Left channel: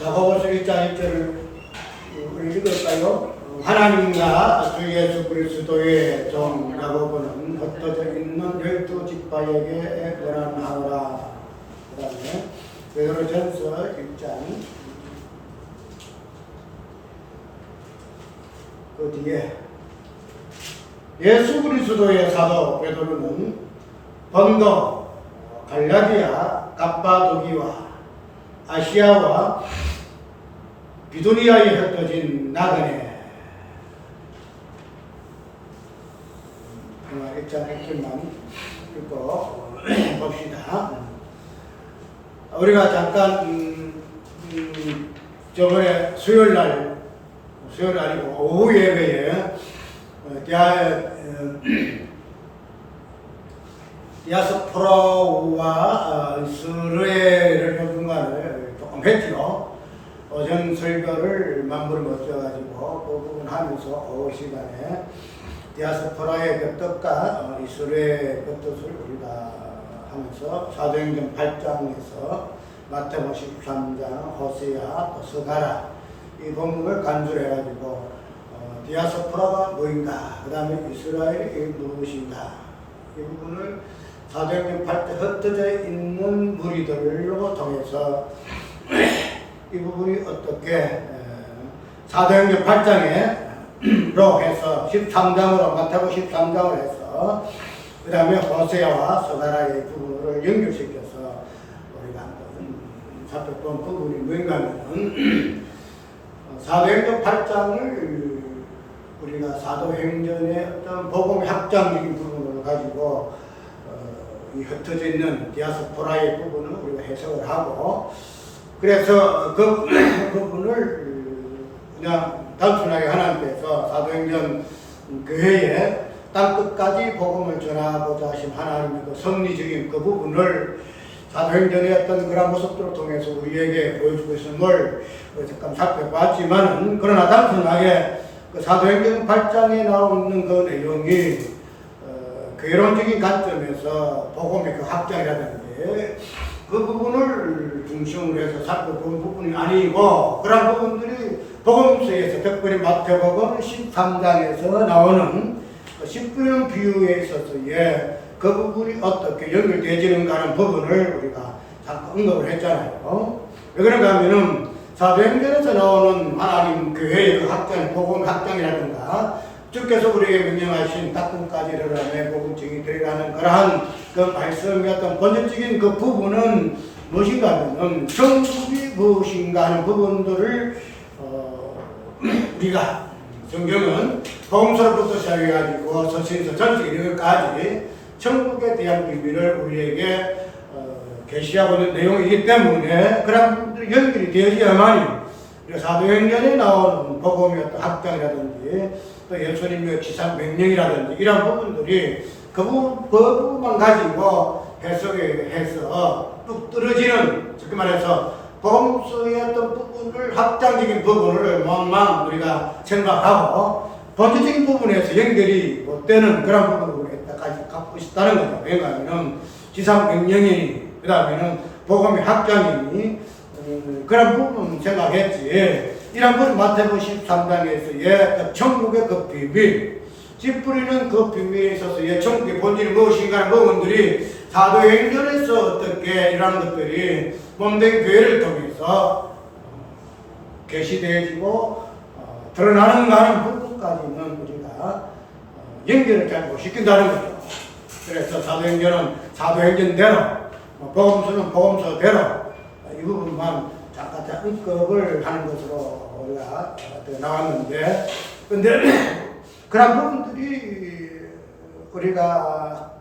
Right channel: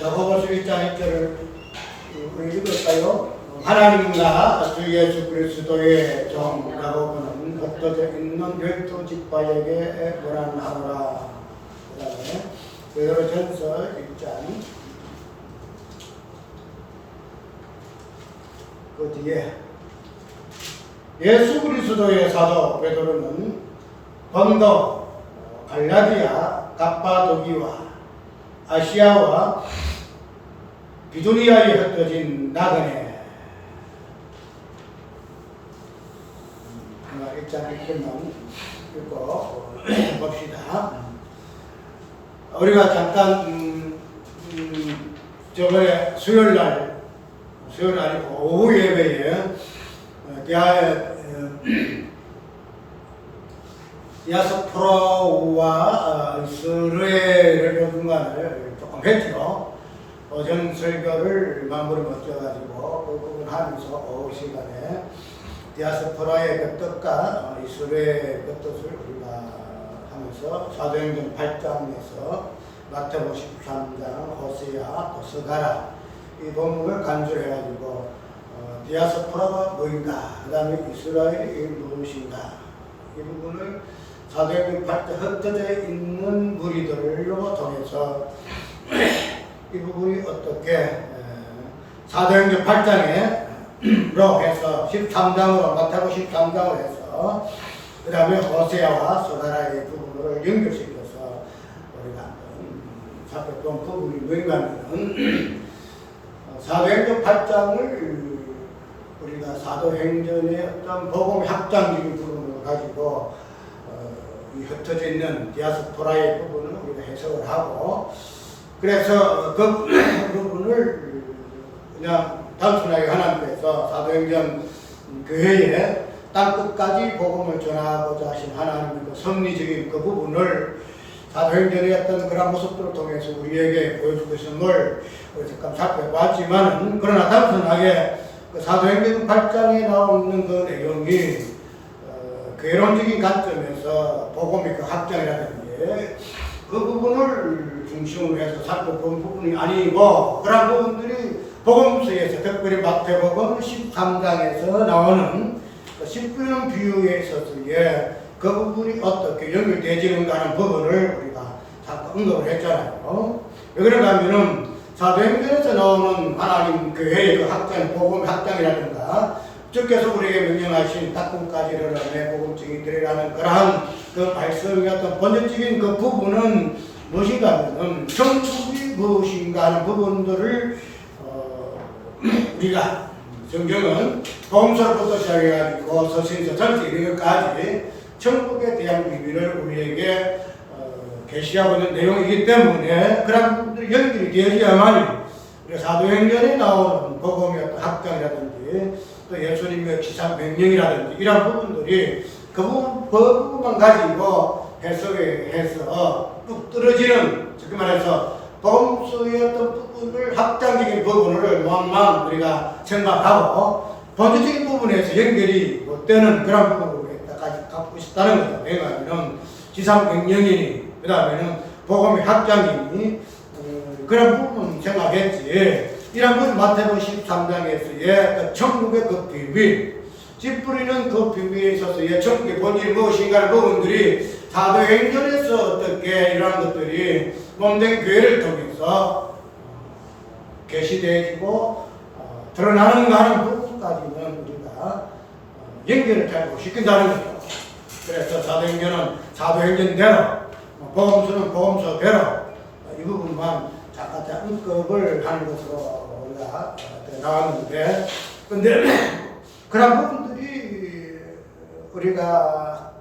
야고보서 1장 1절을 우리 읽을까요? 하나님과 주 예수 그리스도의 종 야고보는 흩어져 있는 12지파에게 권한하노라. 그 다음에 베드로전서 1장 그 뒤에 예수 그리스도의 사도 베드로는 본도, 갈라디아, 갑바도기와 아시아와 비두니아에 흩어진 나그네. 1장 1절만 읽고 봅시다. 우리가 잠깐 저번에 수요일 아니고 오후 예배에 디아스포라와 이스라엘을 중간을 조금 했죠. 오전 설교를 만물을 멋져가지고 그 부분 하면서 오후 시간에 디아스포라의 그 뜻과 이스라엘의 그 뜻을 우리가 하면서 사도행전 8장에서 마태복음 13장, 호세아, 또 스가랴 이 본문을 간주를 해가지고 디아스포라가 뭐인가, 그 다음에 이스라엘이 무엇인가 이 부분을 사도행전 8장 흩어져 있는 무리들로 통해서 이 부분이 어떻게 사도행전 8장으로 해서 13장으로 마태복음 13장을 해서 그 다음에 호세아와 스가랴의 부분을 연결시켜서 우리가 한번 살펴본 부분이 뭔가 하면은 사도행전 8장을 우리가 사도행전의 어떤 복음 확장적인 부분을 가지고 이 흩어져 있는 디아스포라의 부분을 우리가 해석을 하고, 그래서 그 부분을 그냥 단순하게 하나님께서 사도행전 교회에 땅끝까지 복음을 전하고자 하신 하나님의 그 섭리적인 그 부분을 사도행전의 어떤 그런 모습들을 통해서 우리에게 보여주고 있음을 잠깐 살펴봤지만은, 그러나 단순하게 그 사도행전 8장에 나오는 그 내용이 개론적인 관점에서 복음의 그 확장이라든지 그 부분을 중심으로 해서 살펴본 부분이 아니고, 그런 부분들이 복음서에서 특별히 마태복음 13장에서 나오는 그 십부년 비유에 있어서의 그 부분이 어떻게 연결되지는가 하는 부분을 우리가 잠깐 언급을 했잖아요. 왜 그런가 하면은 사도행전에서 나오는 하나님 교회의 그 확장, 복음 확장이라든가 주께서 우리에게 명령하신 닦음까지 이르러 복음 증인되리라는 그러한 그 말씀의 어떤 본질적인 그 부분은 무엇인가 하면은 천국이 무엇인가 하는 부분들을 우리가 성경은 복음서로부터 시작해가지고 서신서 전체 이르기까지 천국에 대한 비밀을 우리에게 계시하고 있는 내용이기 때문에 그런 부분들이 연결이 되어야만이 사도행전에 나오는 복음의 어떤 확장이라든지 또 예수님의 지상 명령이라든지 이런 부분들이 그 부분만 가지고 해석해서 뚝 떨어지는, 쉽게 말해서 복음서의 어떤 부분을 확장적인 부분을 몸만 우리가 생각하고 본질적인 부분에서 연결이 못 되는 그런 부분을 갖고 있다는 거죠. 왜냐하면 지상 명령이니 그 다음에는 복음의 확장이니 그런 부분 생각했지. 이런 건 마태복음 13장에서의 그 천국의 그 비밀, 찌푸리는 그 비밀에 있어서의 천국의 본질이 무엇인가 하는 부분들이 사도행전에서 어떻게 이러한 것들이 몸된 교회를 통해서 계시되어지고 드러나는가 하는 부분까지는 우리가 연결을 잘 못 시킨다는 거죠. 그래서 사도행전은 사도행전대로, 복음서는 복음서대로 이 부분만 잠깐 언급을 하는 것으로 우리가 나왔는데, 근데 그런 부분들이 우리가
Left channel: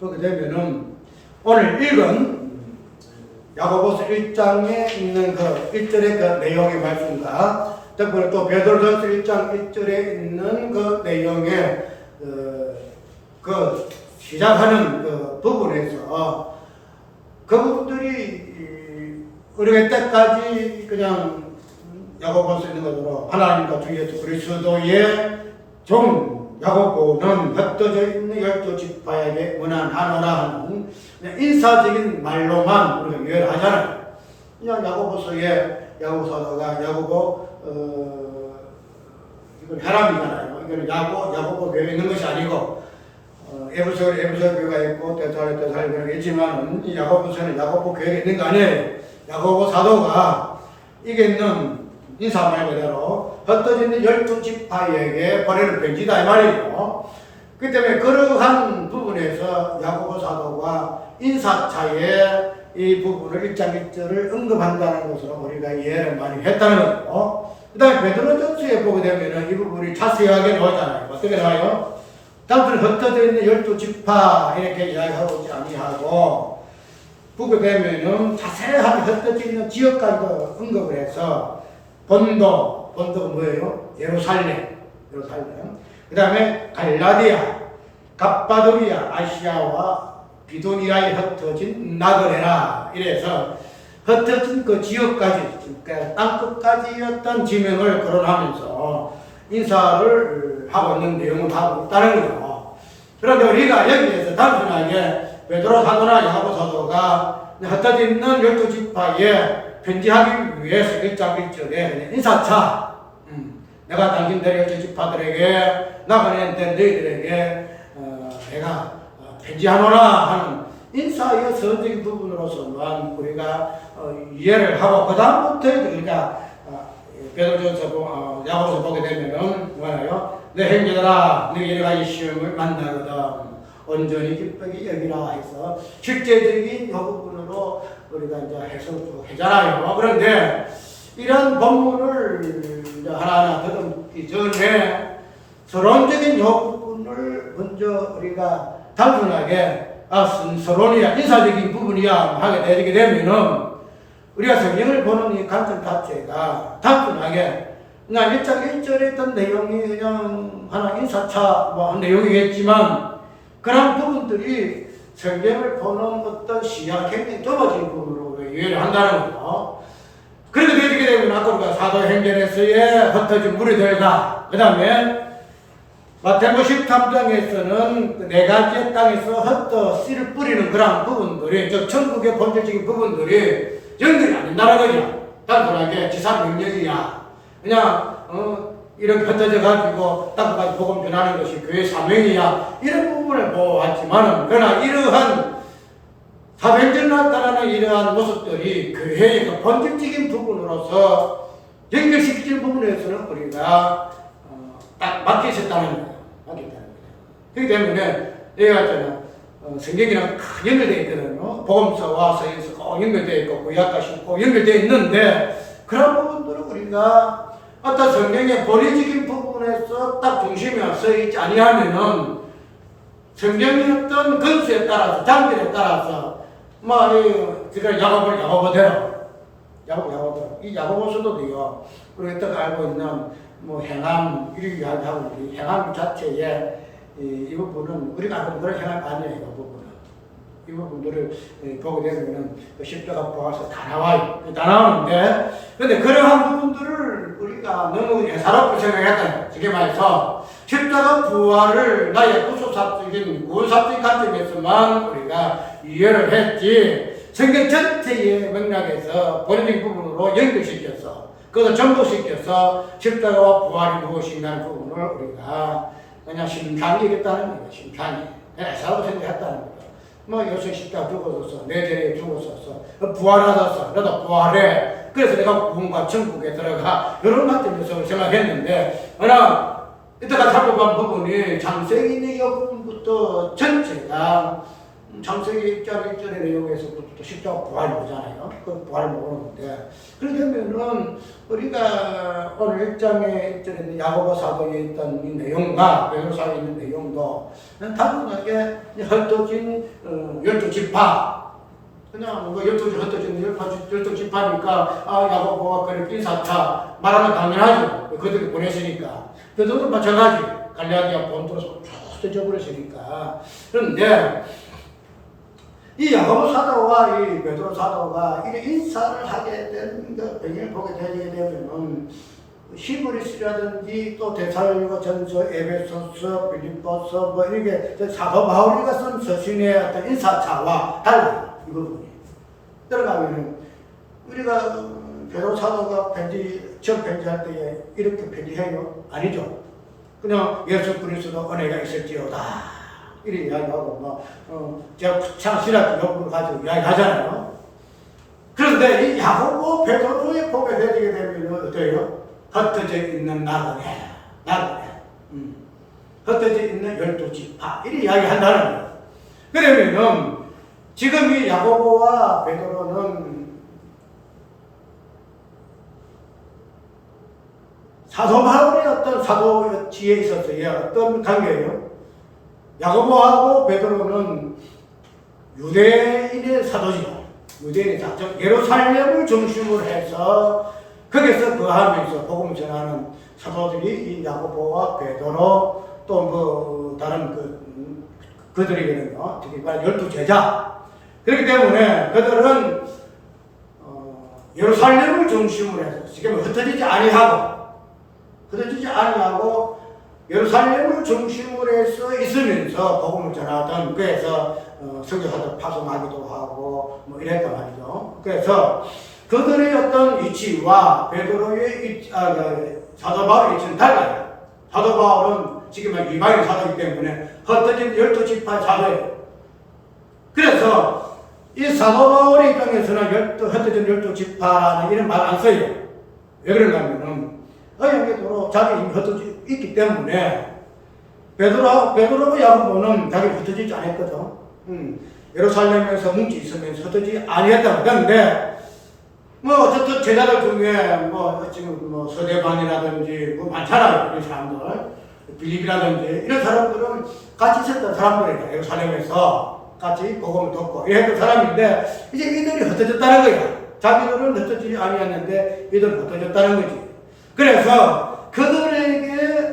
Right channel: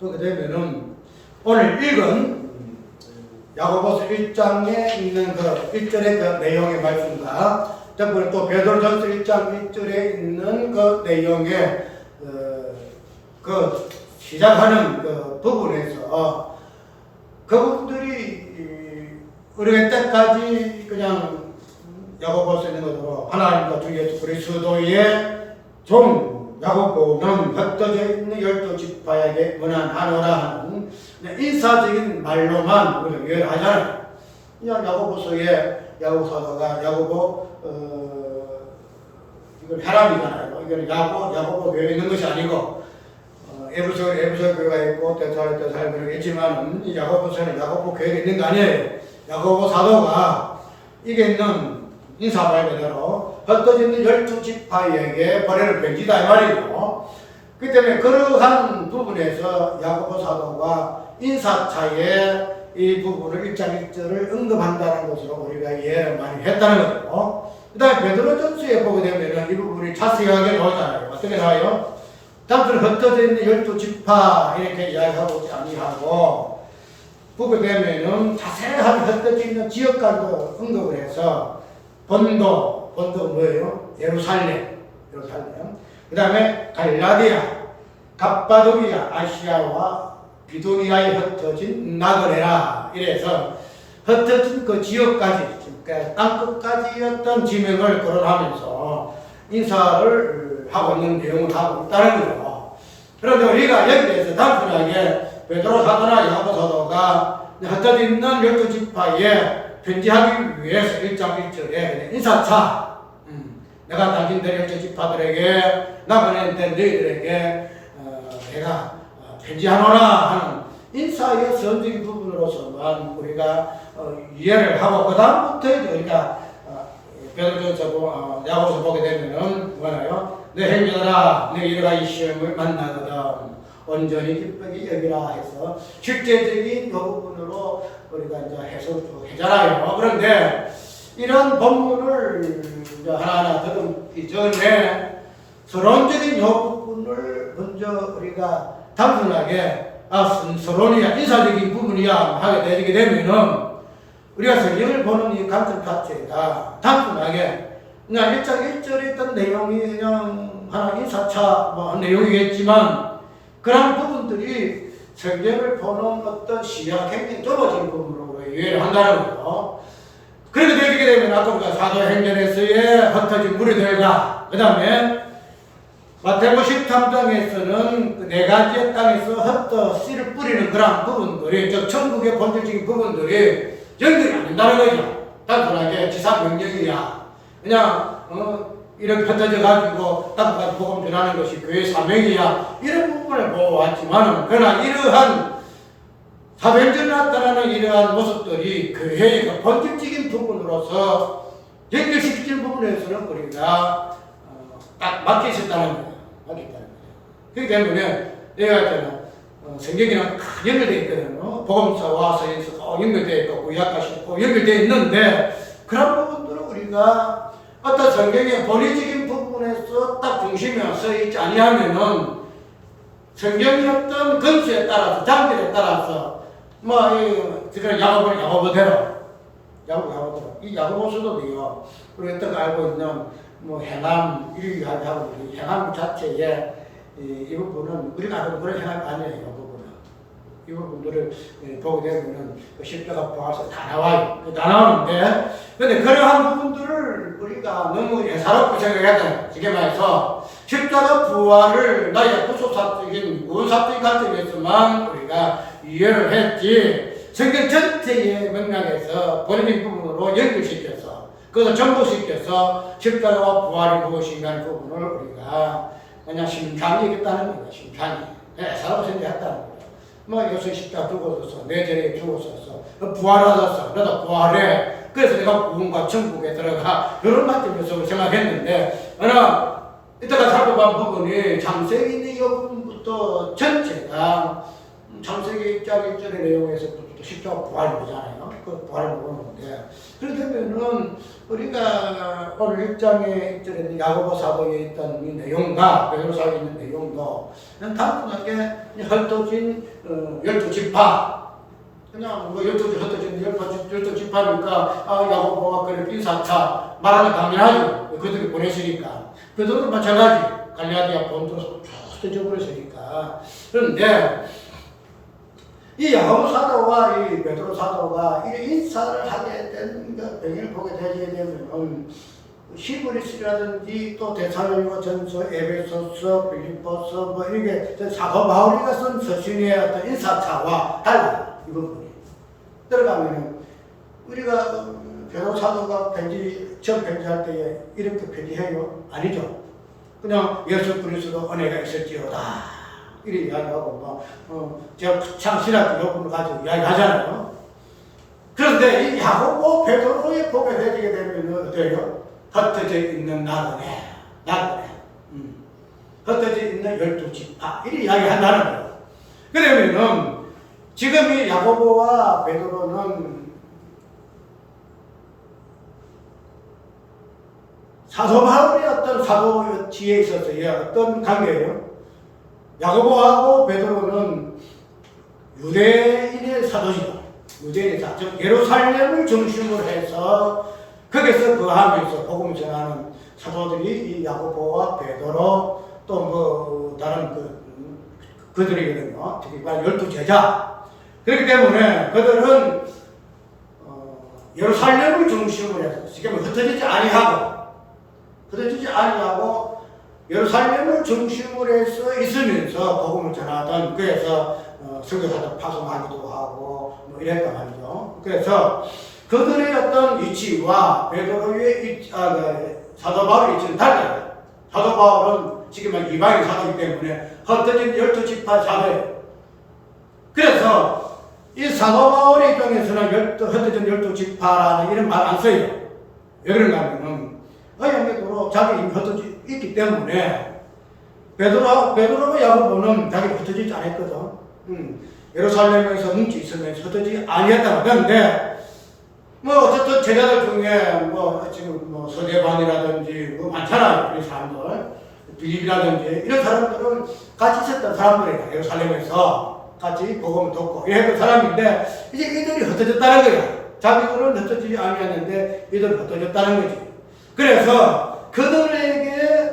보게 되면은 오늘 읽은 야고보서 1장에 있는 그 1절의 그 내용의 말씀과 또 베드로전서 1장 1절에 있는 그 내용의 그 시작하는 그 부분에서 그 부분들이 우리가 이때까지 그냥 야고보서 있는 것으로 하나님과 주 예수 그리스도의 종 야고보는 흩어져 있는 12지파에게 문안하노라 하는 이 인사적인 말로만 우리가 이해를 하잖아요. 그냥 야고보서에 야고보 사도가 이건 혈압이잖아요. 이거는 야고보 교회에 있는 것이 아니고 에베소 교회가 있고 데살로니가 그런 게 있지만은 이 야고보서는 야고보 교회에 있는 거 아니에요. 야고보 사도가 이게 있는 인사 말 그대로 흩어지는 12지파에게 보내는 편지다 이 말이죠. 그 때문에 그러한 부분에서 야고보 사도가 인사차에 이 부분을 1장 1절을 언급한다는 것으로 우리가 이해를 많이 했다는 거죠. 그 다음에 베드로전서에 보게 되면 이 부분이 자세하게 나오잖아요. 어떻게 나와요? 단순히 흩어져 있는 12지파 이렇게 이야기하고 있지 아니하고 보게 되면은 자세하게 흩어져 있는 지역까지도 언급을 해서 본도가 뭐예요? 예루살렘. 그 다음에 갈라디아, 갑바도리아, 아시아와 비두니아에 흩어진 나그네라. 이래서 흩어진 그 지역까지, 그러니까 땅끝까지였던 지명을 거론하면서 인사를 하고 있는 내용을 하고 있다는 거죠. 그런데 우리가 여기에서 단순하게 베드로 사도나 야고보 사도가 흩어져 있는 12지파에 편지하기 위해서 1장 1절에 그냥 인사차, 내가 당신들의 12지파들에게 나그네된 너희들에게 내가 편지하노라 하는 인사의 선적인 부분으로서만 우리가 이해를 하고 그 다음부터 우리가 베드로전서 야고보서 보게 되면은 뭐나요? 내 형제들아, 내 여러 가지 시험을 만나거든 온전히 기쁘게 여기라 해서 실제적인 이 부분으로 우리가 이제 해석을 하잖아요. 그런데 이런 본문을 이제 하나하나 더듬기 전에 서론적인 이 부분을 먼저 우리가 단순하게 서론이야, 인사적인 부분이야 하게 되게 되면은 우리가 성경을 보는 이 관점 자체가 단순하게 그냥 1장 1절에 있던 내용이 그냥 하나 인사차 뭐 내용이겠지만 그런 부분들이 성경을 보는 어떤 시야가 굉장히 좁아진 부분으로 이해를 한다는 거죠. 그렇게 되게 되면 아까 우리가 사도행전에서의 흩어진 무리들과 그 다음에 마태복음 13장에서는 그 네 가지의 땅에서 씨를 뿌리는 그런 부분들이 즉 천국의 본질적인 부분들이 연결이 안 된다는 거죠. 단순하게 지사 명령이야. 그냥 이렇게 흩어져 가지고 땅까지 복음 전하는 것이 교회 사명이야. 이런 부분을 보았지만은 그러나 이러한 사도행전에 나타나는 이러한 모습들이 교회의 그 본질적인 부분으로서 연결시키는 부분에서는 우리가 딱 막혀 있었다는 거예요. 그렇기 때문에 내가 있잖아 성경이랑 큰 연결되어 있거든요. 복음서와 서신서 꼭 연결되어 있고 구약까지 꼭 연결되어 있는데 그런 부분들은 우리가 어떤 성경의 본의적인 부분에서 딱 중심에 서 있지 아니하면은 성경의 어떤 건수에 따라서 장기에 따라서 그러니까 야고보대로 이 야고보서도요 우리가 딱 알고 있는 행함 이렇게 이야기하고 행함 자체에 이 부분은 우리가 알고 있는 그런 행함이 아니에요. 이 부분들을 보게 되면 십자가 부활서 다 나와요. 다 나오는데 근데 그러한 부분들을 우리가 너무 예사롭게 생각했다. 쉽게 말해서 십자가 부활을 나의 구속사적인 구원사적인 관점에서만 우리가 이해를 했지 성경 전체의 맥락에서 본질적인 부분으로 연결시켜서 그것을 전부시켜서 십자가와 부활이 무엇인가 하는 부분을 우리가 그냥 심상히 얘기했다는 거예요. 심상히 예사롭게 생각했다는 거예요. 예수 십자가 죽었었어. 내 죄에 죽었었어. 부활하셨어. 나도 부활해. 그래서 내가 구원과 천국에 들어가. 이런 관점에서 생각했는데, 그러나, 이때가 살펴본 부분이 창세기 있는 이 부분부터 전체가 창세기 1장 1절의 내용에서부터 또 십자가 부활이 오잖아요. 그 부활이 오는데, 그렇게 되면은 우리가 오늘 1장에 1절에 있는 야고보 사도에 있던 이 내용과 베드로 사도에 있는 내용도 단순하게 흩어진 12지파 그냥 12지 흩어진 12지파니까 야고보가 그렇게 인사차 말하면 당연하죠. 그들이 보내시니까. 베드로도 마찬가지 갈라디아 본토로 흩어져 버렸으니까. 그런데 이 야고보 사도와 이 베드로 사도가 이런 인사를 하게 된 배경을 보게 되게 되면 히브리서라든지 또 데살로니가 전서, 에베소서, 빌립보서 이렇게 사도 바울이가 쓴 서신의 어떤 인사차와 달라요. 이 부분이. 들어가면은 우리가 베드로 사도가 전 편지할 때에 이렇게 편지해요? 아니죠. 그냥 예수 그리스도 은혜가 있었지요다 이렇게 이야기하고 제가 창신학 교육을 가지고 이야기하잖아요. 그런데 이 야고보 베드로의 복에 되게 되면 어때요? 흩어져 있는 나그네 흩어져 있는 12지파 이렇게 이야기한다는 거예요. 그러면은 지금 이 야고보와 베드로는 사도 바울의 어떤 사도지에 있어서의 어떤 관계예요? 야고보하고 베드로는 유대인의 사도지요. 유대인의 사도, 예루살렘을 중심으로 해서 거기서 거하면서 복음을 전하는 사도들이 이 야고보와 베드로 또 뭐 다른 그들이거든요. 특히 12제자. 그렇기 때문에 그들은 예루살렘을 중심으로 해서 지금 흩어지지 아니하고 예루살렘을 중심으로 해서 있으면서 복음을 전하던 그래서 선교사들 파송하기도 하고 뭐 이랬단 말이죠. 그래서 그들의 어떤 위치와 베드로의 사도 바울의 위치는 달라요. 사도 바울은 지금 이방인 사도이기 때문에 흩어진 12지파 사도예요. 그래서 이 사도 바울의 입장에서는 흩어진 12지파라는 이런 말 안 써요. 왜 그런가 하면은 어영계도로 자기 이미 흩어져 있기 때문에 베드로와 야고보는 자기는 흩어지지 않았거든. 예루살렘에서 뭉치 있으면서 흩어지지 아니했다. 그런데 어쨌든 제자들 중에 지금 서대반이라든지 많잖아요. 이 사람들 빌립이라든지 이런 사람들은 같이 있었던 사람들이에요. 예루살렘에서 같이 복음을 듣고 이랬던 사람인데 이제 이들이 흩어졌다는 거야. 자기들은 흩어지지 아니었는데 이들은 흩어졌다는 거지. 그래서 그들에게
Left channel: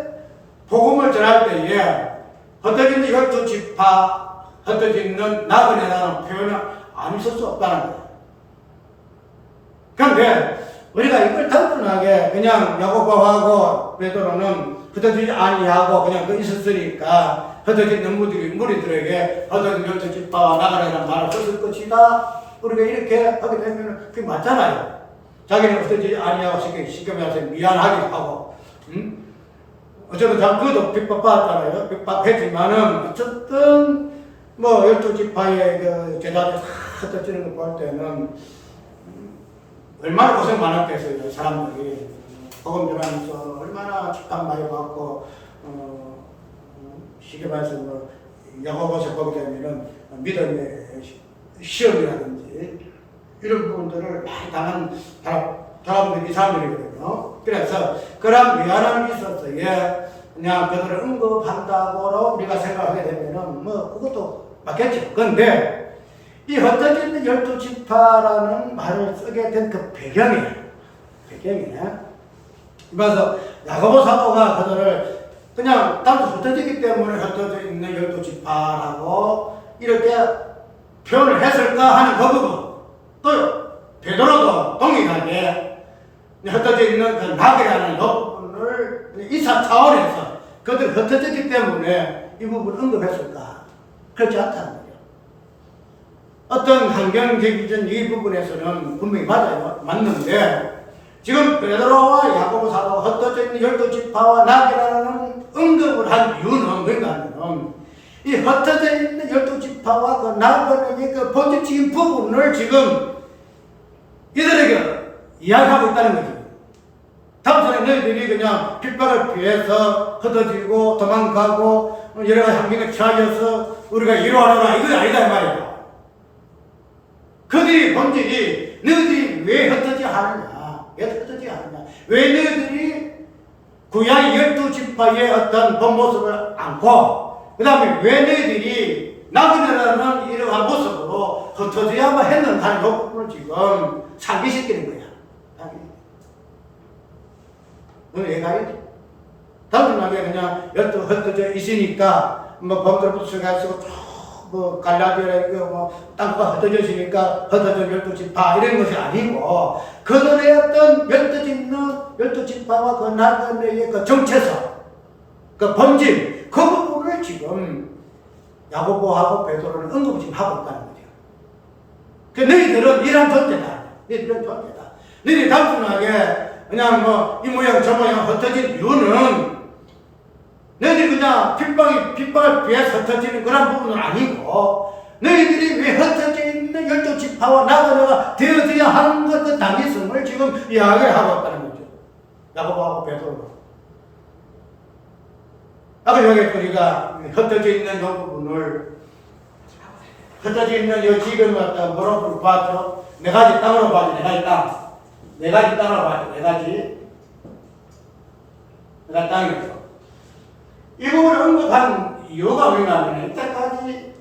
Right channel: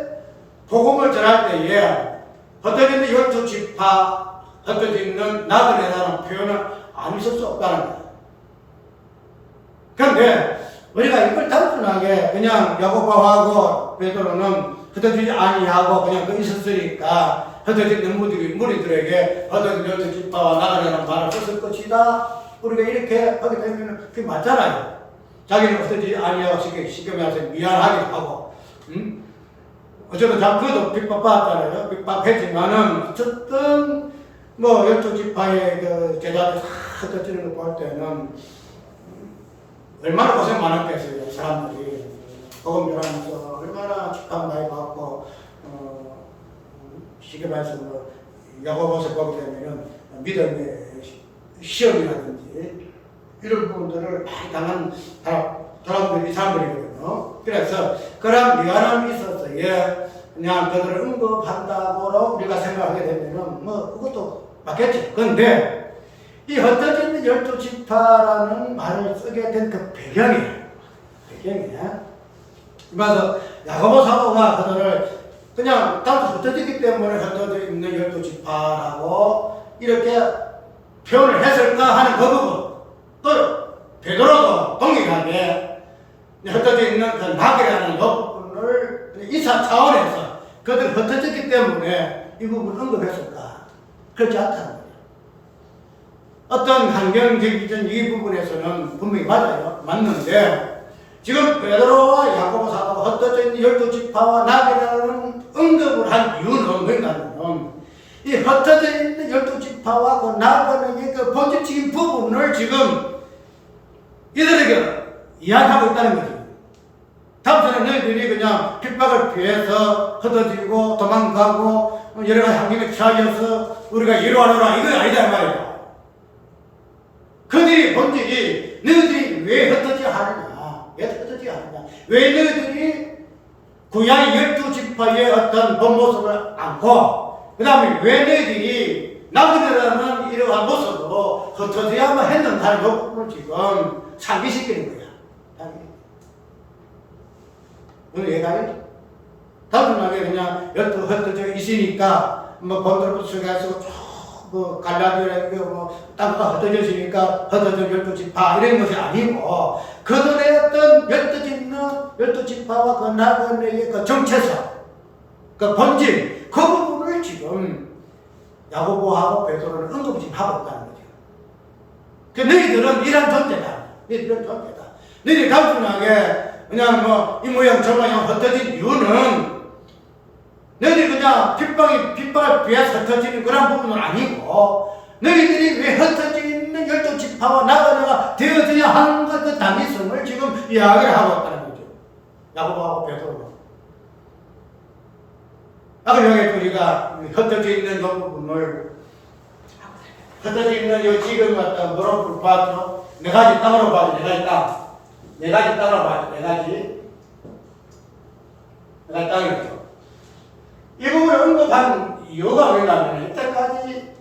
복음을 전할 때에 흩어지는 12지파, 흩어지는 나그네라는 표현은 안 있을 수 없다는 거예요. 그런데 우리가 이걸 단순하게 그냥 야고보하고 베드로는 흩어지지 아니하고 그냥 있었으니까 흩어진 무리들에게 흩어진 12지파와 나그네라는 말을 썼을 것이다. 우리가 이렇게 하게 되면 그게 맞잖아요. 자기는 흩어지지 아니하고 쉽게 말해서 미안하기도 하고, 어쨌든 그것도 핍박받았잖아요. 핍박했지만은, 어쨌든, 12지파의 제자들 다 흩어지는 거 볼 때는, 얼마나 고생 많았겠어요, 사람들이. 복음 전하면서 얼마나 핍박 많이 받고, 쉽게 말해서 야고보서 보게 되면은, 믿음의 시험이라든지, 이런 부분들을 많이 당한 사람들이거든요. 그래서 그런 미안함이 있어서 그냥 그들을 언급한다고 우리가 생각하게 되면은 그것도 맞겠죠. 그런데 이 흩어진 12지파라는 말을 쓰게 된 그 배경이에요. 그래서 야고보 사도가 그들을 그냥 단순 흩어지기 때문에 흩어져 있는 12지파라고 이렇게 표현을 했을까 하는 그 부분. 또 베드로도 동일하게 흩어져 있는 그 낙이라는 이 부분을 2차 차원에서 그들이 흩어졌기 때문에 이 부분을 언급했을까? 그렇지 않다는 거예요. 어떤 환경적인 이 부분에서는 분명히 맞는데 지금 베드로와 야고보 사도가 흩어져 있는 12지파와 낙이라는 언급을 한 이유는 뭔가 하면 이 흩어져 있는 12지파와 그 나그네의 그 본질적인 부분을 지금 이들에게 이야기하고 있다는 거지. 다음번에 너희들이 그냥 핍박을 피해서 흩어지고 도망가고 여러 가지 환경에 처해져서 우리가 이루어내라 이거 아니다 이 말이야. 그들의 본질이 너희들이 왜 흩어지지 않느냐? 왜 너희들이 구약의 12지파의 어떤 본 모습을 안고 그 다음에 왜 너희들이 나그네라는 이러한 모습으로 흩어져야만 했는가 하는 이 부분을 지금 상기시키는 거야. 오늘 얘기하겠지? 단순하게 그냥 흩어져 있으니까 본드로부터 시작해서 갈라디아라 땅가 흩어져 있으니까 흩어져 12지파 이런 것이 아니고 그들의 어떤 흩어져 12지파와 그 나그네의 그 정체성 그 본질 그 부분을 지금 야고보하고 베드로는 언급을 지금 하고 있다는 거죠. 그 너희들은 이런 존재다. 너희들은 존재다. 너희들이 단순하게 그냥 뭐 이 모양 저 모양 흩어진 이유는 너희들이 그냥 핏방에 비해서 흩어지는 그런 부분은 아니고 너희들이 왜 흩어져 있는 12지파와 나아가 되어져야 하는 것 그 당위성을 지금 이야기를 하고 있다는 거죠. 야고보하고 베드로가. 아까 여기 우리가 흩어져 있는 이 부분을 흩어져 있는 이 지금 갖다 뭐라고 봤죠? 네 가지 땅으로 봐죠. 네 가지 땅. 네 가지 땅으로 봐죠. 네 가지 땅이죠. 이 부분을 언급한 이유가 뭐냐면 이때까지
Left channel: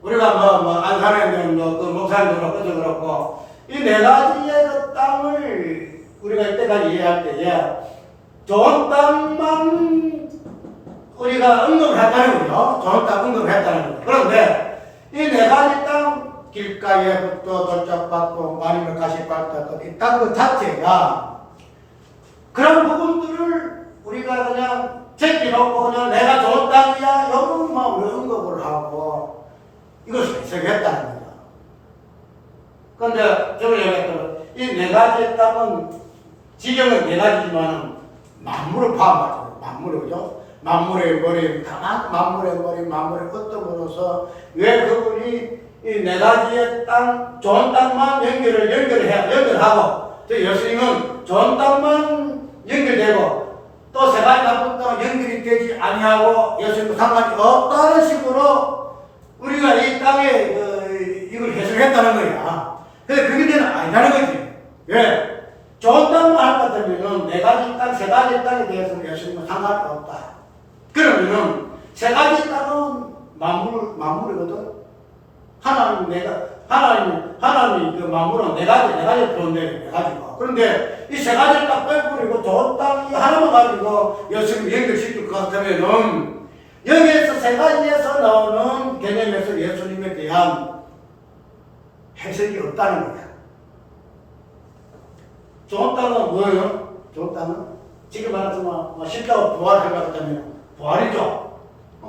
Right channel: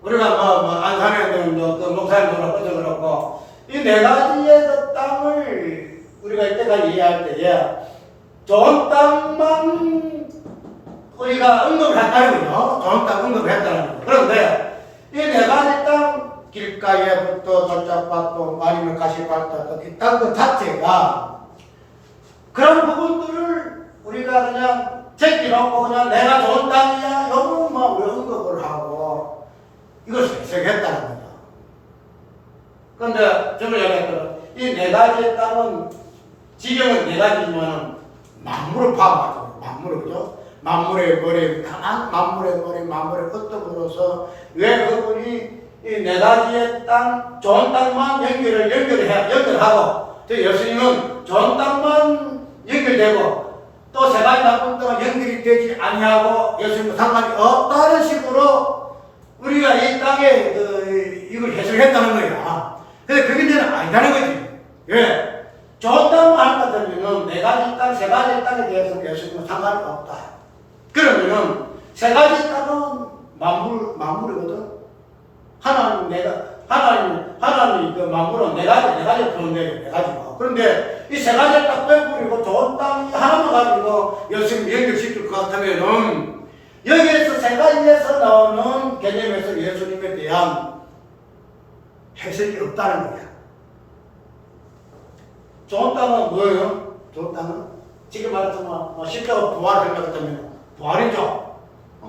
우리가 뭐 안산에는 그 목사님들은 그것도 그렇고 이 네 가지의 그 땅을 우리가 이때까지 이해할 때에 좋은 땅만 우리가 언급을 했다는 거죠. 좋은 땅 언급을 했다는 거죠. 그런데 이 네 가지 땅 길가에부터 돌짝밭도 아니면 가시밭도 이 땅 그 자체가 그런 부분들을 우리가 그냥 제끼놓고 그냥 내가 좋은 땅이야 이것만 왜 언급을 하고 이걸 해석했다는 거죠. 그런데 좀 얘기했던 이 네 가지 땅은 지경은 네 가지지만 만물을 포함하죠. 만물을 그죠? 만물의 머리, 가만 만물의 머리, 만물의 끝으로서 왜 그분이 이 네 가지의 땅, 좋은 땅만 연결하고 또 예수님은 좋은 땅만 연결되고 또 세 가지 나쁜 땅은 연결이 되지 아니하고 예수님과 상관이 없다는 식으로 우리가 이 땅에 이걸 해석했다는 거야. 근데 그게 아니다는 거지. 왜? 좋은 땅만 할 것 같으면은 네 가지 땅, 세 가지 땅에 대해서는 예수님과 상관이 없다. 그러면은 세 가지 땅은 만물이거든. 하나님 그 만물은 네 가지 그런데 네 가지고. 그런데 이 세 가지 땅 빼버리고 좋은 땅이 하나만 가지고 예수님 연결시킬 것 같으면은 여기에서 세 가지에서 나오는 개념에서 예수님에 대한 해석이 없다는 거야. 좋은 땅은 뭐예요? 좋은 땅은? 지금 말해서 뭐 십자가 부활 생각했다면 부활이죠.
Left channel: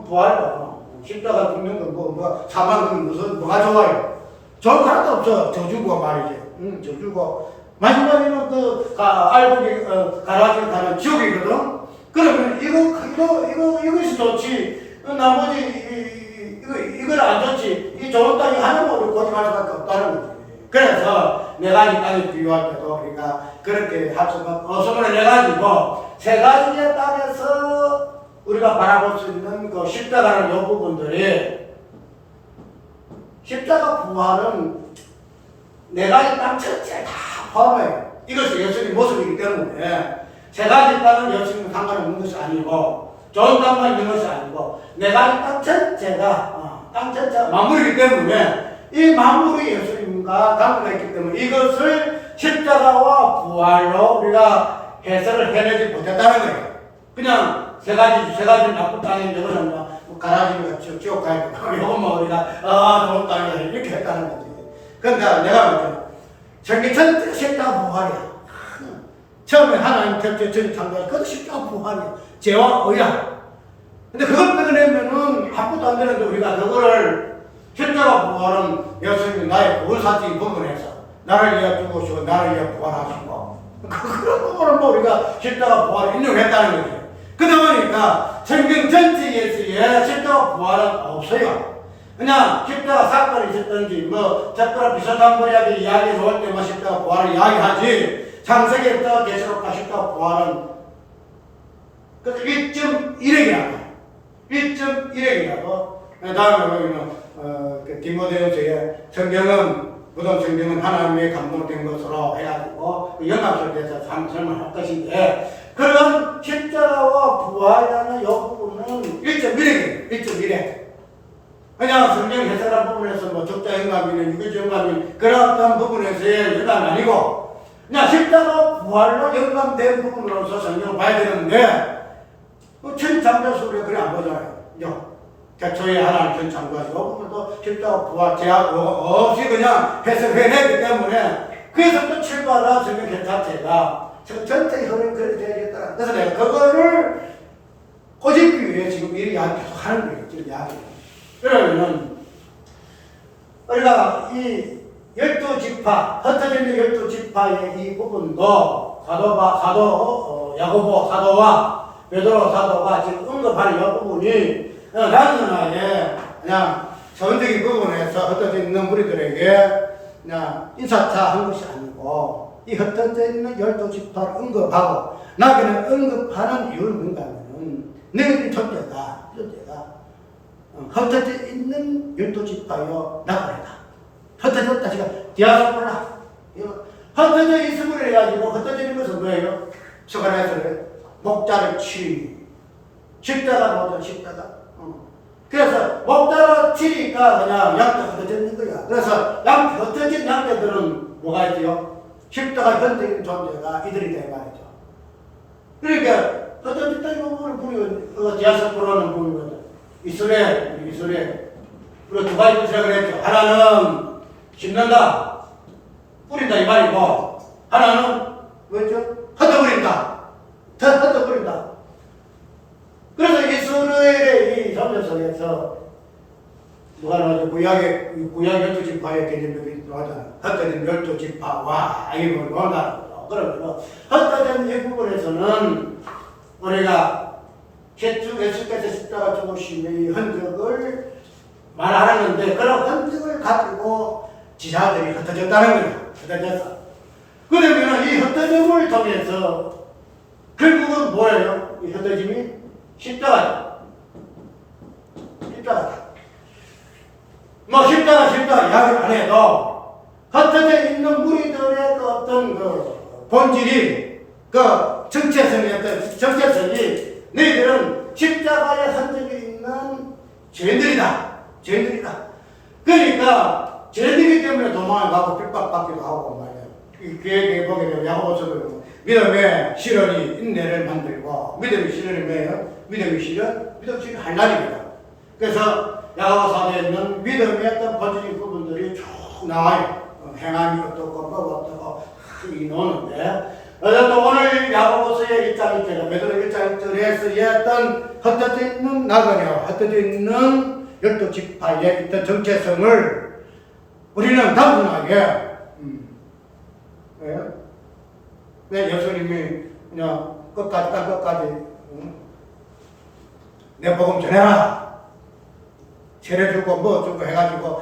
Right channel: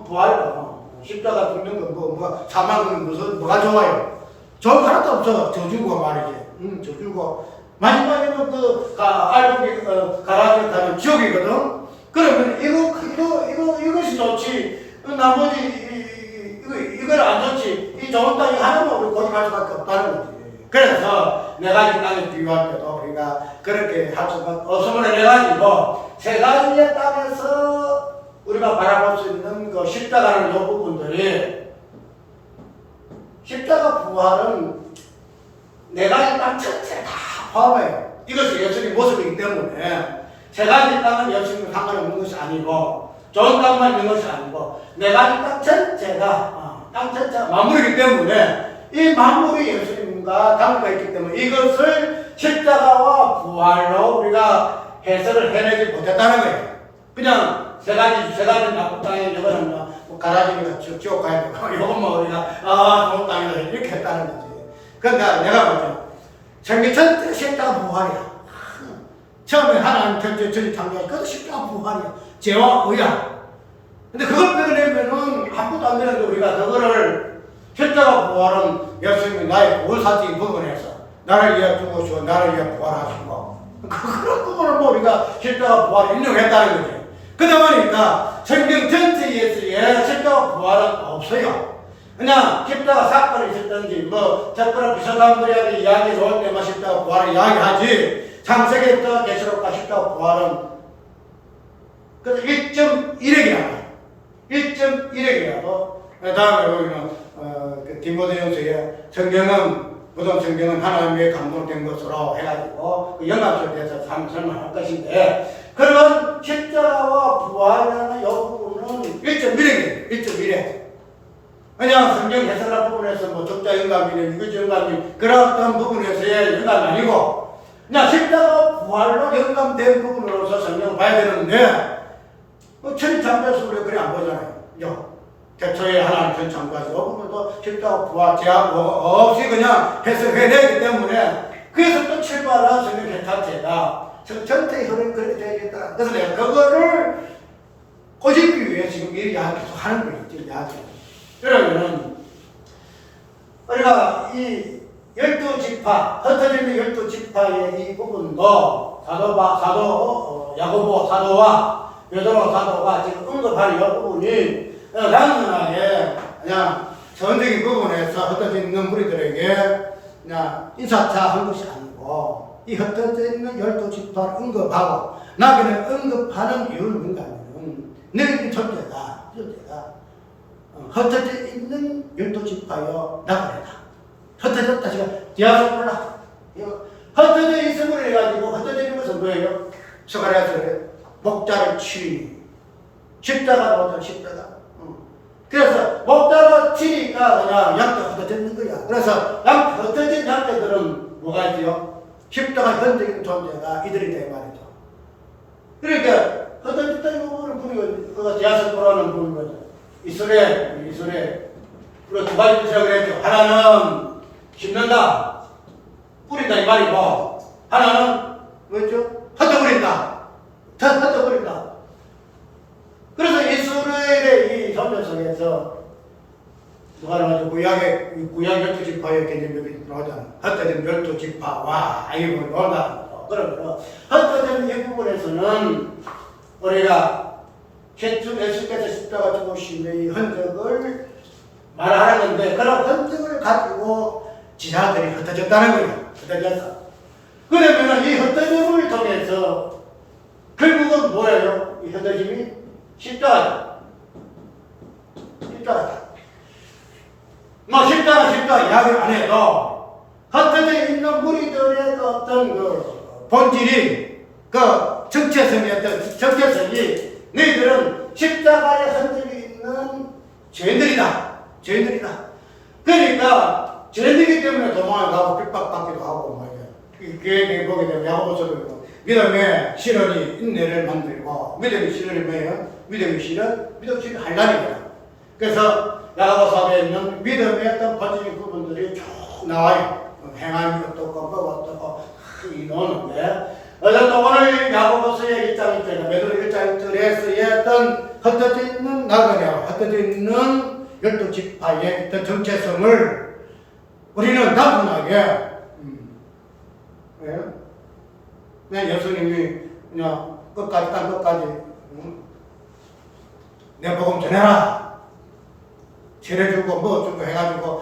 부활이고 십자가 죽는 건 사망 건 뭐가 좋아요? 좋은 거 하나도 없어. 저주고 말이지. 저주고 마지막에는 알곡이 가라지를 타는 지옥이거든. 그러면 이것이 좋지. 나머지 이걸 안 좋지. 이 좋은 땅이 하나만 우리 고집할 수밖에 없다는 거지. 그래서 네 가지 땅에 비유할 때도 우리가 그렇게 할 수는 없으므로 네 가지고 세 가지의 땅에서 우리가 바라볼 수 있는 그 십자가는 이 부분들이 십자가 부활은 네 가지 땅 전체 다 포함해요. 이것이 예수님 모습이기 때문에 세 가지 땅은 예수님과 상관없는 것이 아니고 좋은 땅만 있는 것이 아니고 네 가지 땅 전체가 땅 전체가 만물이기 때문에 이 만물이 예수님과 관계가 있기 때문에 이것을 십자가와 부활로 우리가 해석을 해내지 못했다는 거예요. 그냥 세 가지 나쁜 땅인 이거는 뭐 가라지가 지옥 가야 되고 이것만 우리가 좋은 땅이다 이렇게 했다는 거지. 그러니까 내가 먼저 성경 전체 십자가 부활이야. 처음에 하나님 전체 창조하시 그것도 십자가 부활이야. 죄와 의야. 근데 그걸 빼내면은 아무것도 안 되는데 우리가 그거를 십자가 부활은 예수님이 나의 보혈사적인 부분에서 나를 위해 죽으시고 나를 위해 부활하시고 그런 부분을 뭐 우리가 십자가 부활을 인용했다는 거지. 그러다 보니까 성경 전체에서의 십자가 부활은 없어요. 그냥 십자가 사건이 있었던지 뭐 특별한 비슷한 분야에 이야기 나올 때만 십자가 부활을 이야기하지 창세기부터 계시록과 십자가 부활은 그래서 1.1핵이라고 1.1핵이라고 다음에 보면 그 디모데전서에 모든 성경은 하나님의 감동된 것으로 해가지고 그 연합설에 대해서 한번 설명할 것인데 그런 십자가와 부활이라는 이 부분은 1.1핵이에요. 1.1핵. 그냥 성경 해석하는 부분에서 뭐 적자 영감이나 유기적 영감이 그런 어떤 부분에서의 영감이 아니고 그냥 십자가 부활로 영감된 부분으로서 성경을 봐야 되는데 천창조에서 우리가 그래 안 보잖아요. 대초에 하나님 천창조하시고 이 부분도 십자가 부활 제약 없이 그냥 해석해내기 때문에 그래서 또 출발한 성경 자체가 전체 흐름이 그렇게 되어야겠더라. 그래서 내가 그거를 꼬집기 위해 지금 이 이야기 계속 하는 거예요. 지금 이야기. 그러면은 우리가 이 열두 지파, 흩어져 있는 열두 지파의 이 부분도 야고보 사도와 베드로 사도가 지금 언급하는 이 부분이 단순하게 그냥 전적인 부분에서 흩어져 있는 우리들에게 그냥 인사차 한 것이 아니고 이 흩어져 있는 열두 지파를 언급하고 나그네를 언급하는 이유는 뭔가 하면 너희들이 존재가 흩어져 있는 열두 지파여 나그네다. 흩어졌다 지금 디아스포라 흩어져 있음을 해가지고 흩어지는 것은 뭐예요? 스가랴서에 목자를 치니 십자가 오죠. 십자가. 그래서 목자로 치니까 그냥 양떼 흩어졌는 거야. 그래서 흩어진 양떼들은 뭐가 있지요? 십자가 현적인 존재가 이들이 돼 말이죠. 그러니까 흩어졌다 이 부분을 부르고 디아스포라는 부르는 이스라엘 우리가 두 가지 뜻이라고 그랬죠. 하나는 심는다, 뿌린다 이 말이고 하나는 뭐였죠? 흩어버린다. 흩어버린다. 그래서 이스라엘의 이 존재 속에서 누가 나오죠? 구약 열두 지파의 개념이 들어가잖아. 흩어진 열두 지파와 이 부분을 논다. 그러면 흩어진 이 부분에서는 우리가 예수께서 십자가 죽으심의 흔적을 말하는데 그런 흔적을 가지고 지자들이 흩어졌다는 거예요. 흩어졌어. 그러면 이 흩어짐을 통해서 결국은 뭐예요? 이 흩어짐이 십자가다. 뭐 십자가 이야기를 안 해도 흩어져 있는 무리들의 그 어떤 그 본질이 그 정체성이 너희들은 십자가에 흔적이 있는 죄인들이다. 그러니까 죄인들이기 때문에 도망을 가고 핍박받기도 하고 말이야. 그에 보게 되면 야고보서도 믿음의 실현이 인내를 만들고 믿음의 실현이 뭐예요? 믿음의 실현 할날이거든. 그래서 야고보서에 있는 믿음의 어떤 본질적인 부분들이 쭉 나와요. 행함이 어떻고 뭐가 어떻고 이 노는데 어쨌든 오늘 야고보서의 1장 1절에 베드로 1장 1절에서의 어떤 흩어져 있는 나그네와 흩어져 있는 열두 지파의 어떤 정체성을 우리는 단순하게 그냥 예수님이 그냥 땅 끝까지 내 복음 전해라 세례주고 뭐 주고 해가지고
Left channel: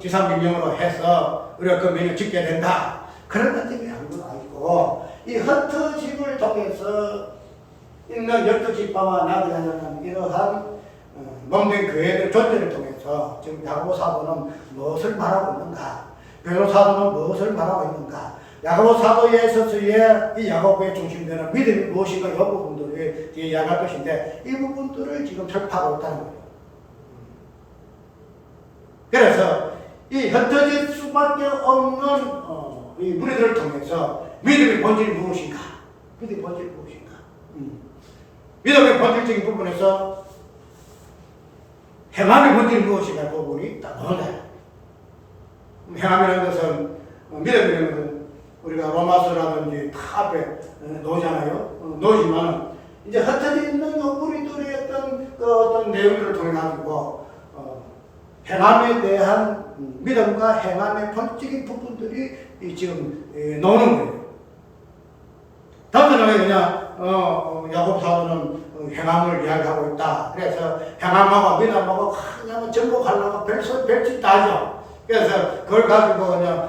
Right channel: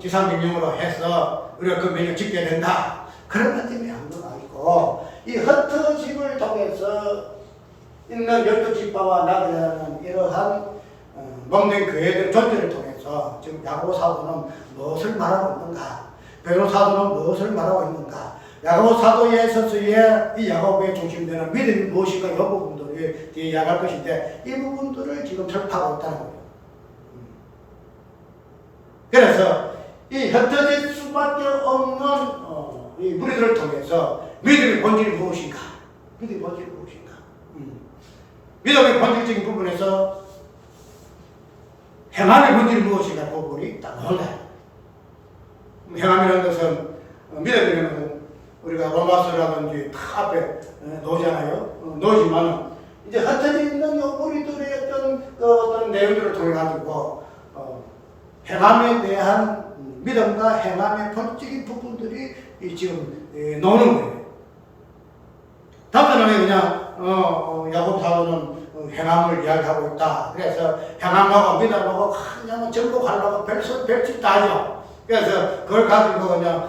지상명령으로 해서 우리가 그 명령 짓게 된다 그런 것 때문에 한 건 아니고 이 흩어짐을 통해서 있는 열두 지파와 나그네라는 이러한 몸된 교회들 존재를 통해서 지금 야고보 사도는 무엇을 말하고 있는가? 베드로 사도는 무엇을 말하고 있는가? 야고보 사도에 있어서의 이 야고보의 중심되는 믿음이 무엇인가? 이 부분들이 뒤에 이야기할 것인데 이 부분들을 지금 설파하고 있다는 거예요. 그래서 이 흩어질 수밖에 없는 이 무리들을 통해서 믿음의 본질이 무엇인가? 믿음의 본질적인 부분에서 행함의 본질이 무엇인가 부분이 딱 나온다. 행함이라는 것은 믿음이라는 것은 우리가 로마서라든지 다 앞에 놓잖아요. 놓지만은 이제 흩어져 있는 우리들의 어떤 내용들을 통해 가지고 행함에 대한 믿음과 행함의 본질적인 부분들이 지금 나오는 거예요. 단순하게 그냥 야고보 사도는 행함을 이야기하고 있다. 그래서 행함하고 믿음하고 그냥 정복하려고 별짓 다 하죠. 그래서 그걸 가지고 그냥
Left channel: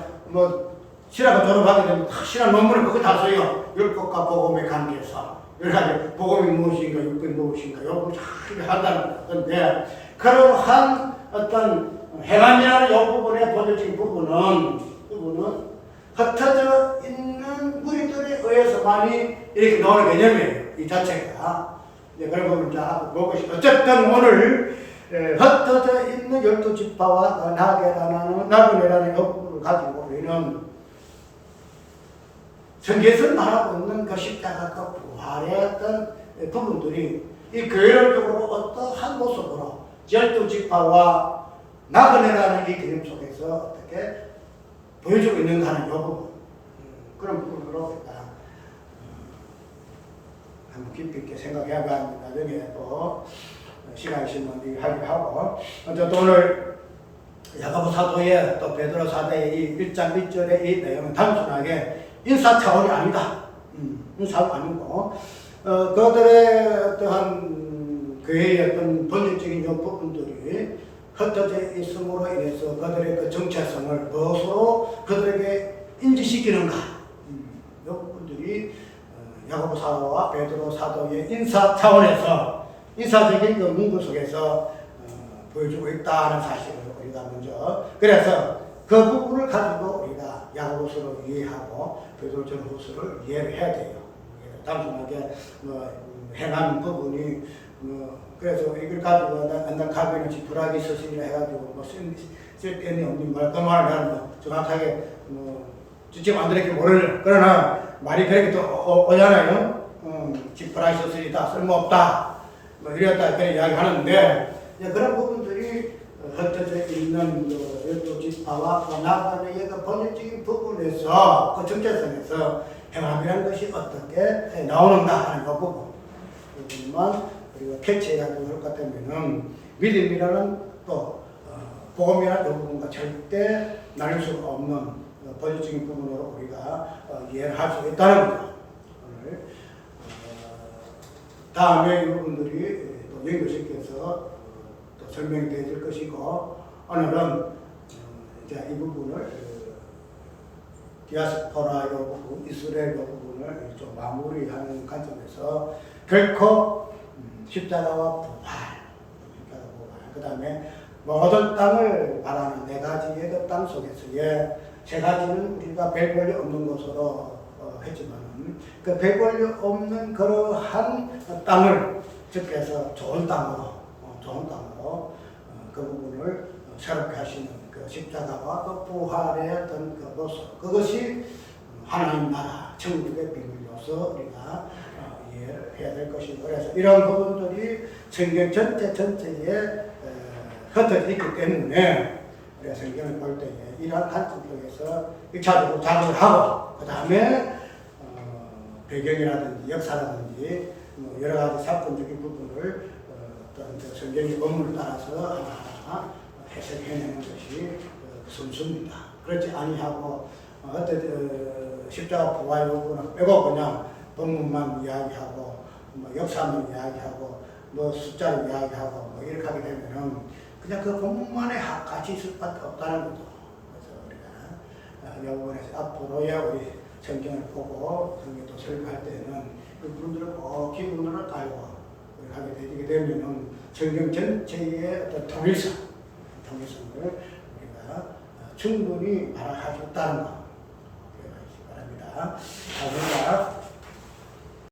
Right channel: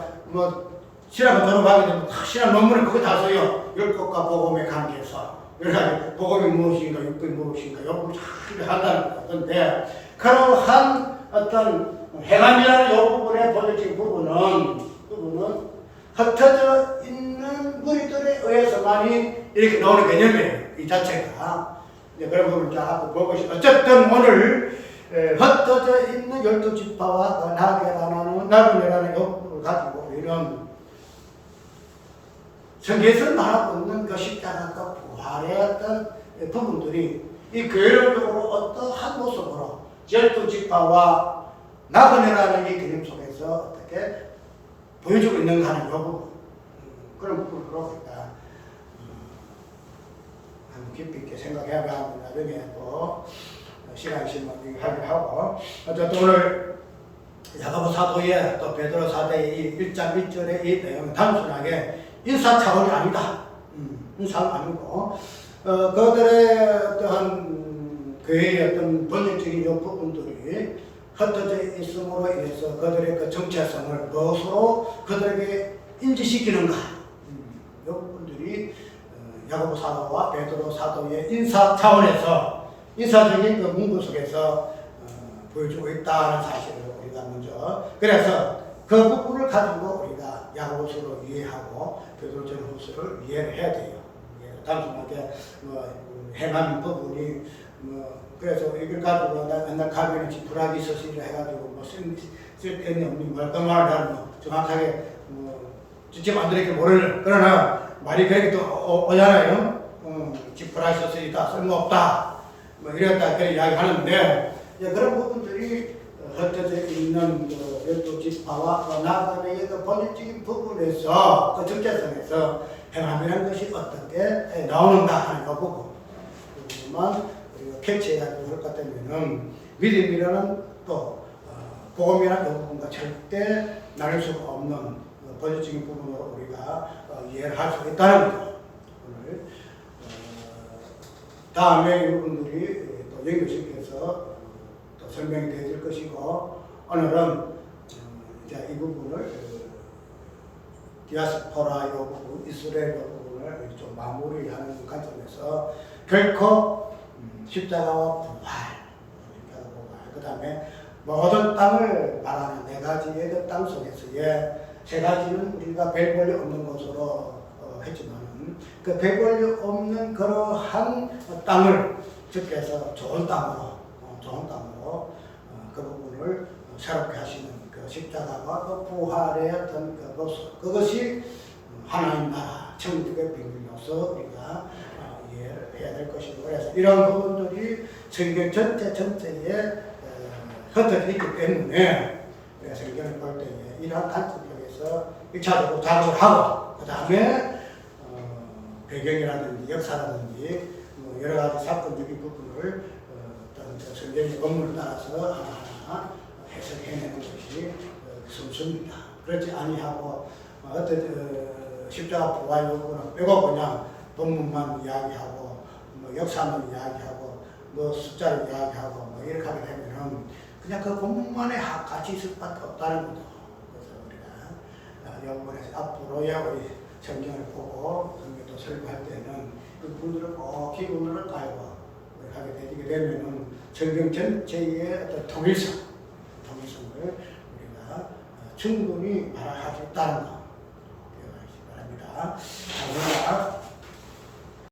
신학을 졸업하게 되면 신학 논문을 그거 다 써요. 율법과 복음의 관계에서 여러 복음이 무엇인가 율법이 무엇인가 요걸 잘 한다는 건데 그러한 어떤 행함이라는 이 부분의 본질적인 부분은 흩어져 있는 무리들에 의해서만이 이렇게 나오는 개념이에요. 이 자체가. 이제 그런 부분을 자 앞으로 볼 것이. 어쨌든 오늘 흩어져 있는 열두 지파와 나그네라는 이 부분을 가지고 우리는 성경에서 말하고 있는 그 십자가 그 부활의 어떤 부분들이 이 교회론적으로 어떠한 모습으로 열두 지파와 나그네라는 이 개념 속에서 어떻게 보여주고 있는가 하는 이 부분 그런 부분으로 우리가 한번 깊이 있게 생각해봐야 나중에 또 시간 있으면 하기로 하고 어쨌든 오늘 야고보 사도의 또 베드로 사도의 이 1장 1절의 이 내용은 단순하게 인사 차원이 아니다. 인사가 아니고 그들의 어떠한 교회의 어떤 본질적인 요 부분들이 흩어져 있음으로 인해서 그들의 그 정체성을 무엇으로 그들에게 인지시키는가. 이 부분들이 야고보 사도와 베드로 사도의 인사 차원에서 인사적인 그 문구 속에서 보여주고 있다는 사실을 우리가 먼저, 그래서 그 부분을 가지고 우리가 야고보서를 이해하고 베드로전후서를 이해를 해야 돼요. 단순하게 행한 부분이 그래서 이걸 가지고 옛날 가면은 지푸라기 서신이라 해가지고 쓸데없는 없는 말까말을 하면 정확하게 직접 만들었기 모르는, 그러나 말이 그렇게 또 오잖아요. 지푸라기 서신이다, 쓸모없다, 이랬다 그런 이야기 하는데, 그런 부분들이 흩어져 있는 12지파와 나그네의 그 본질적인 부분에서 그 정체성에서 행함이라는 것이 어떻게 나오는가 하는 그 부분만 우리가 캐치해가지고 할 것 같으면은 믿음이라는 또 복음이라는 그 부분과 절대 나눌 수가 없는 본질적인 부분으로 우리가 이해를 할 수 있다는 거죠. 오늘 다음에 이 부분들이 또 연결시켜서 또 설명이 되어질 것이고, 오늘은 이제 이 부분을 디아스포라 이 부분, 이스라엘 이 부분을 좀 마무리하는 관점에서 결코 십자가와 부활, 그 다음에 모든 땅을 바라는 네 가지의 그 땅 속에서의 세 가지는 우리가 별 볼일 없는 것으로 했지만은 그 별 볼일 없는 그러한 땅을 주께서 좋은 땅으로 그 부분을 새롭게 하시는 그 십자가와 그 부활의 어떤 그 모습, 그것이 하나님 나라 천국의 비밀로서 우리가 이해를 해야 될 것이고, 그래서 이런 부분들이 성경 전체에 흩어져 있기 때문에 우리가 성경을 볼 때에 이러한 관점 속에서 1차적으로 작업을 하고, 그 다음에 배경이라든지 역사라든지 여러 가지 사건적인 부분을 어떤 성경의 본문을 따라서 하나하나 해석해내는 것이 순수입니다. 그렇지 아니하고 십자가 부활 요구는 빼고 그냥 본문만 이야기하고 역사만 이야기하고 숫자를 이야기하고 이렇게 하게 되면은 그냥 그 본문만에 같이 있을 수밖에 없다는 거죠. 그래서 우리가 이 부분에서 앞으로의 우리 성경을 보고 성경도 설교할 때는 그 부분들을 꼭 기본으로 깔고 하게 되게 되면은 성경 전체의 어떤 통일성을 우리가 충분히 말할 수 있다는 거 기억하시기 바랍니다.